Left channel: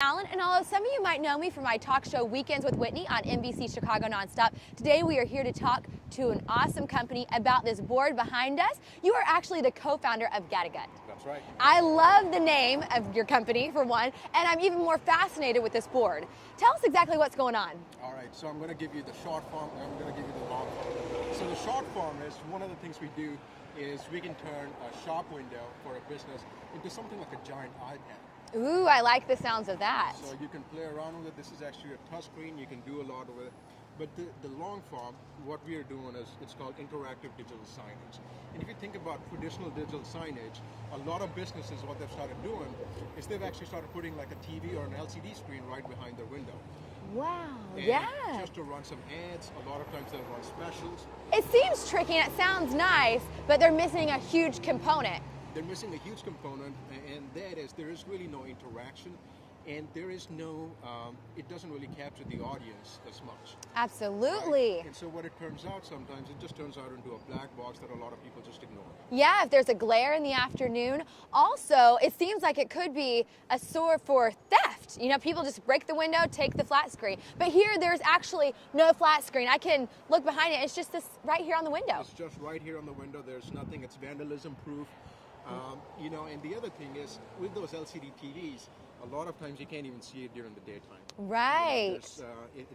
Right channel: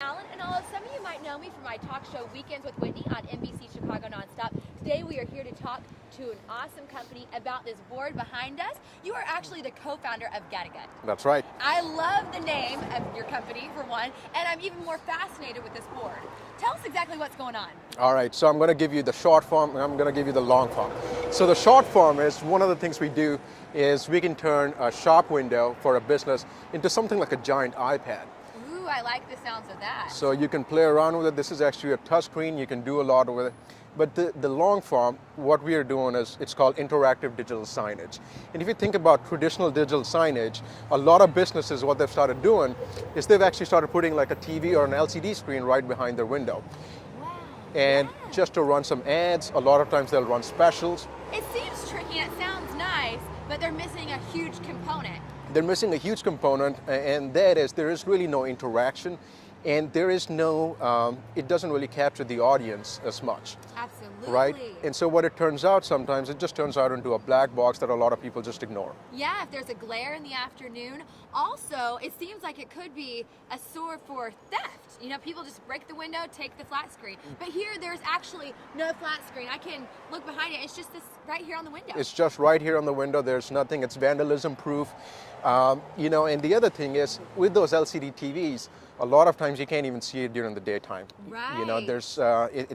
Alan, and although some of you might know me from my talk show Weekends with Whitney on NBC Chicago Nonstop, today we are here to talk to an awesome company about this board behind us. You are actually the co-founder of Gatagut. That's right. I love the name of your company, for one, and I'm even more fascinated with this board. Tell us exactly what's going on. All right, so I'm going to give you the short form and I'm going to give you the long form. So the short form is one of the things we do is we can turn a shop window for a business into something like a giant iPad. Ooh, I like the sounds of that. So you can play around with it. This is actually a touch screen. You can do a lot with it. But the long form, what we are doing is it's called interactive digital signage. And if you think about traditional digital signage, a lot of businesses, what they've started doing is they've actually started putting like a TV or an LCD screen right behind their window. Wow. And yeah. just to run some ads, a lot of times they'll run specials. It seems tricky and it sounds nice, but they're missing a huge component. They're missing a huge component, and that is there is really no interaction, and there is no, it doesn't really capture the audience as much. Absolutely. Right? And so what it turns out sometimes, it just turns out into a black box that a lot of people just ignore. Yeah, if there's a glare in the afternoon. Also, it seems like it could be a source for theft. You know, people just break the window, take the flat screen. But here, there's actually no flat screen. I can look behind it. It's just this right here on the window. It's just right here on the window. There's nothing. It's vandalism proof. You know, and the other thing is, with those LCD TVs, a lot of times you can't even see it during the daytime. Right. You know, there's,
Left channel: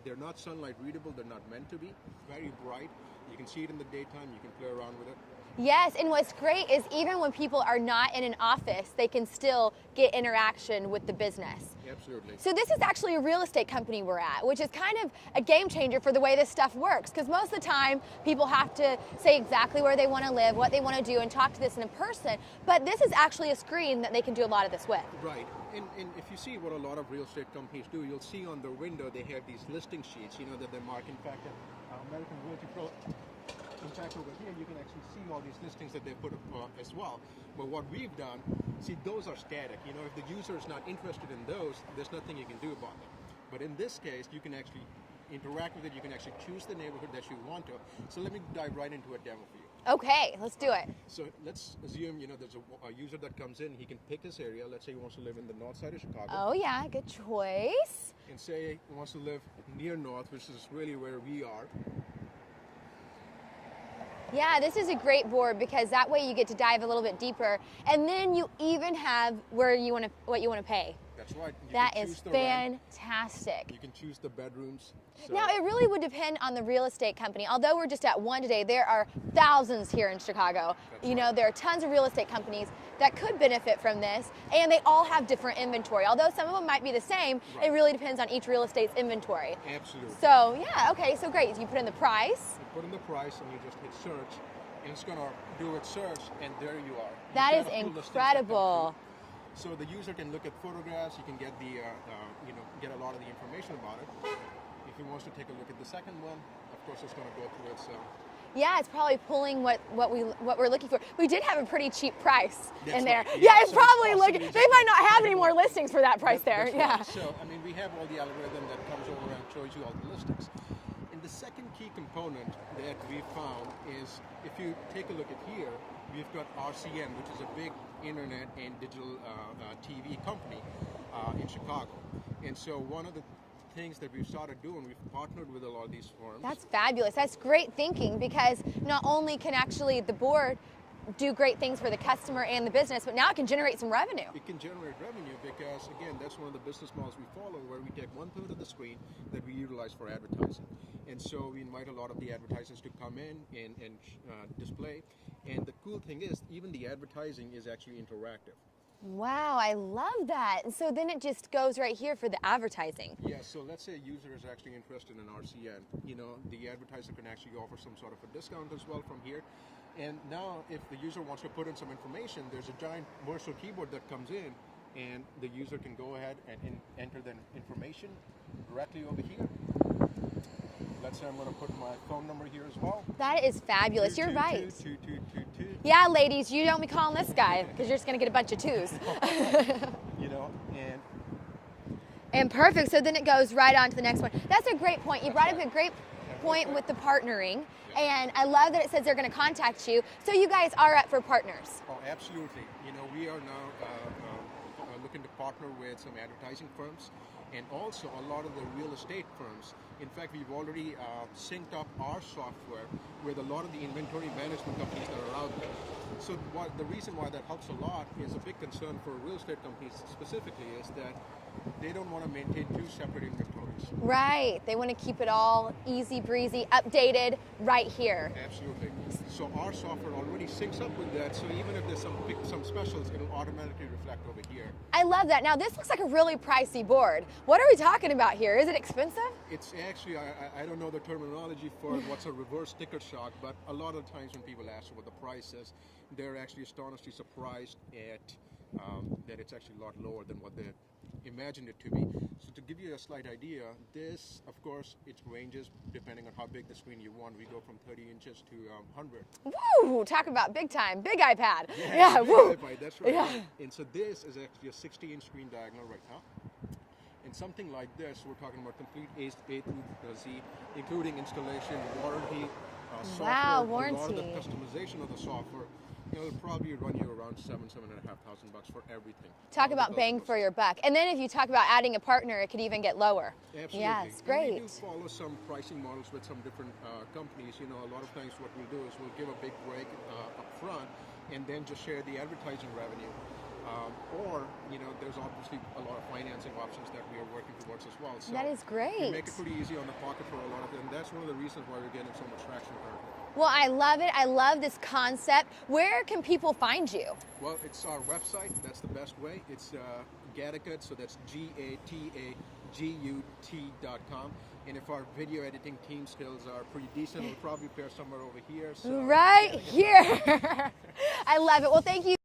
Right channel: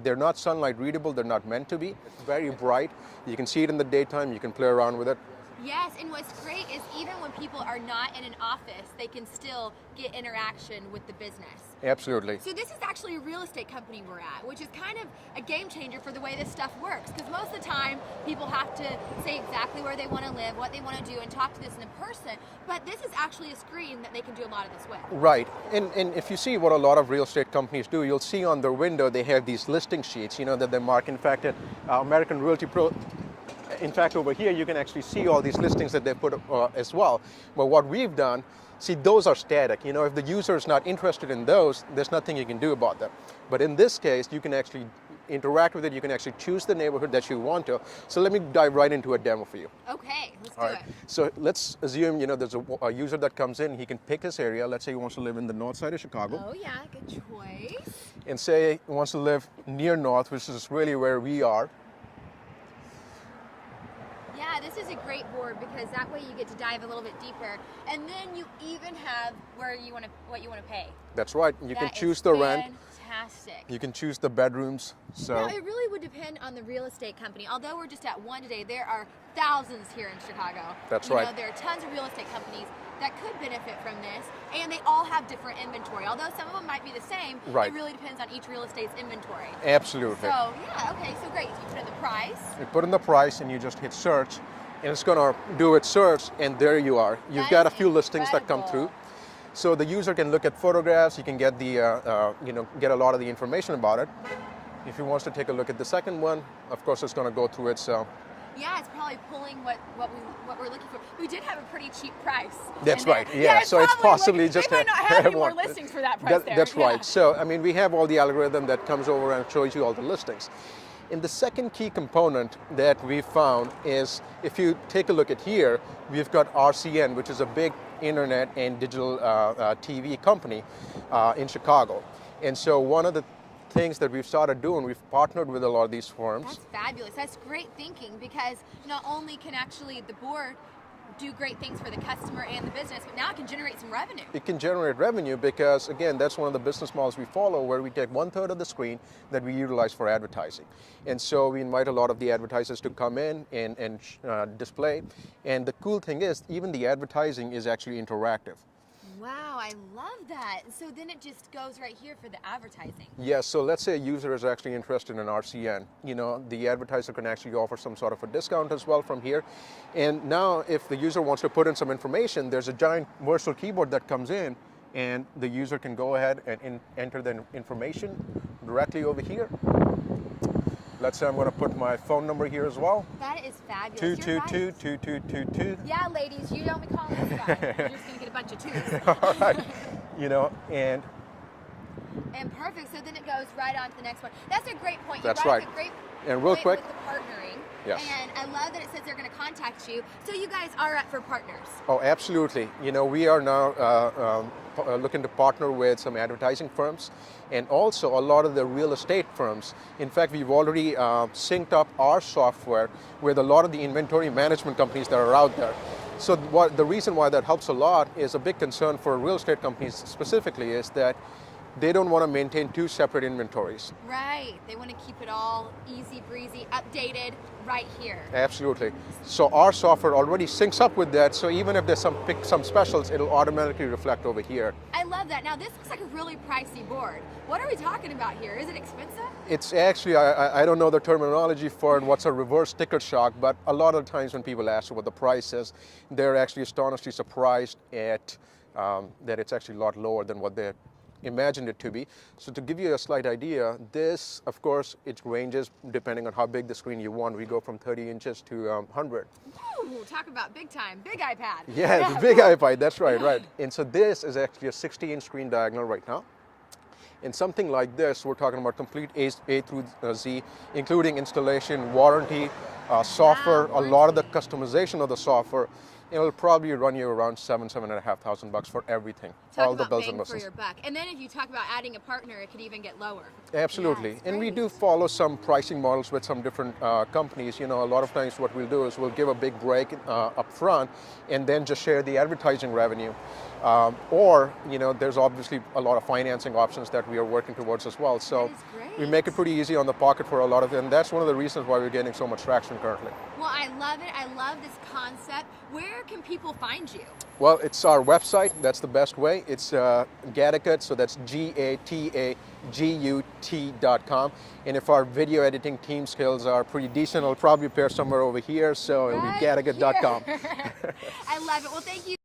they're not sunlight readable. They're not meant to be. It's very bright. You can see it in the daytime. You can play around with it. Yes, and what's great is even when people are not in an office, they can still get interaction with the business. Absolutely. So this is actually a real estate company we're at, which is kind of a game changer for the way this stuff works, because most of the time people have to say exactly where they want to live, what they want to do, and talk to this in person. But this is actually a screen that they can do a lot of this with. Right, and if you see what a lot of real estate companies do, you'll see on their window they have these listing sheets, you know, that they mark. In fact, at American Realty Pro, in fact, over here, you can actually see all these listings that they put as well. But what we've done, see, those are static. You know, if the user is not interested in those, there's nothing you can do about them. But in this case, you can actually interact with it. You can actually choose the neighborhood that you want to. So let me dive right into a demo for you. Okay, let's do it. So let's assume, you know, there's a user that comes in. He can pick his area. Let's say he wants to live in the north side of Chicago. Oh yeah, good choice. And say he wants to live near north, which is really where we are. Yeah, this is a great board because that way you get to dive a little bit deeper, and then you even have where you want to, what you want to pay. That's right. You can choose the rent. Fantastic. You can choose the bedrooms. So now, it really would depend on the real estate company. Although we're just at one today, there are thousands here in Chicago. That's right. You know, there are tons of real estate companies that could benefit from this, and they all have different inventory. Although some of them might be the same, right. It really depends on each real estate's inventory. Absolutely. So, yeah, okay, so great. You put in the price. You put in the price, and you just hit search, and it's going to do its search, and there you are. You've got a few listings that come through. So the user can look at photographs. You can get the, get a lot of the information about it. If he wants to take a look at the second one, of course, it's going to go through its. Yeah, it's probably pulling what we're looking for. We did have a pretty cheap price. That's right. Yeah, so it's possibly just. They might not have any more listings for that price there. That's right. So I mean, we have all the algorithm that comes over and shows you all the listings. And the second key component that we found is, if you take a look at here, we've got RCN, which is a big internet and digital TV company in Chicago. And so one of the things that we've started doing, we've partnered with a lot of these firms. That's fabulous. That's great thinking, because not only can actually the board do great things for the customer and the business, but now it can generate some revenue. It can generate revenue because, again, that's one of the business models we follow, where we take 1/3 of the screen that we utilize for advertising. And so we invite a lot of the advertisers to come in and display. And the cool thing is, even the advertising is actually interactive. Wow, I love that. And so then it just goes right here for the advertising. Yes, so let's say a user is actually interested in RCN. You know, the advertiser can actually offer some sort of a discount as well from here. And now if the user wants to put in some information, there's a giant virtual keyboard that comes in, and the user can go ahead and enter the information directly over here. Let's say I'm going to put my phone number here as well. That is fabulous. You're right. 222-2222. Yeah, ladies, you don't be calling this guy, because you're just going to get a bunch of twos. All right. You know, and perfect. So then it goes right on to the next one. That's a great point. You brought up a great point with the partnering. Yes. And I love that it says they're going to contact you. So you guys are up for partners. Oh, absolutely. You know, we are now looking to partner with some advertising firms and also a lot of the real estate firms. In fact, we've already synced up our software with a lot of the inventory management companies that are out there. So the reason why that helps a lot is a big concern for real estate companies specifically is that they don't want to maintain two separate inventories. Right. They want to keep it all easy breezy, updated right here. Absolutely. So our software already syncs up with that. So even if there's some specials, it'll automatically reflect over here. I love that. Now this looks like a really pricey board. What are we talking about here? Is it expensive? It's actually, I don't know the terminology for it, what's a reverse sticker shock, but a lot of times when people ask what the price is, they're actually astonishingly surprised at that it's actually a lot lower than what they imagined it to be. So to give you a slight idea, this, of course, it ranges depending on how big the screen you want. We go from 30 inches to 100. Woo! Talk about big time, big iPad. Yeah, it's a big iPad, that's right, right. And so this is actually a 60-inch screen diagonal right now. And something like this, we're talking about complete A through Z, including installation, warranty, software, Wow, a lot of the warranty. customization of the software. It'll probably run you around $7,500 for everything. Talk all about the bells bang and for whistles. your buck. And then if you talk about adding a partner, it could even get lower. Absolutely. Yes, and we do great. follow some pricing models with some different companies. You know, a lot of times what we'll do is we'll give a big break up front and then just share the advertising revenue. Or, you know, there's obviously a lot of financing options that we are working towards as well. So That is great. we make it pretty easy on the pocket for a lot of them. And that's one of the reasons why we're getting so much traction currently. Well, I love it. I love this concept. Where can people find you? Well, it's our website. That's the best way. It's Gatagut, so that's GATAGUT.com. And if our video editing team skills are pretty decent, I'll probably appear somewhere over here. So Right Gatagut.com. here. I love it. Well, thank you.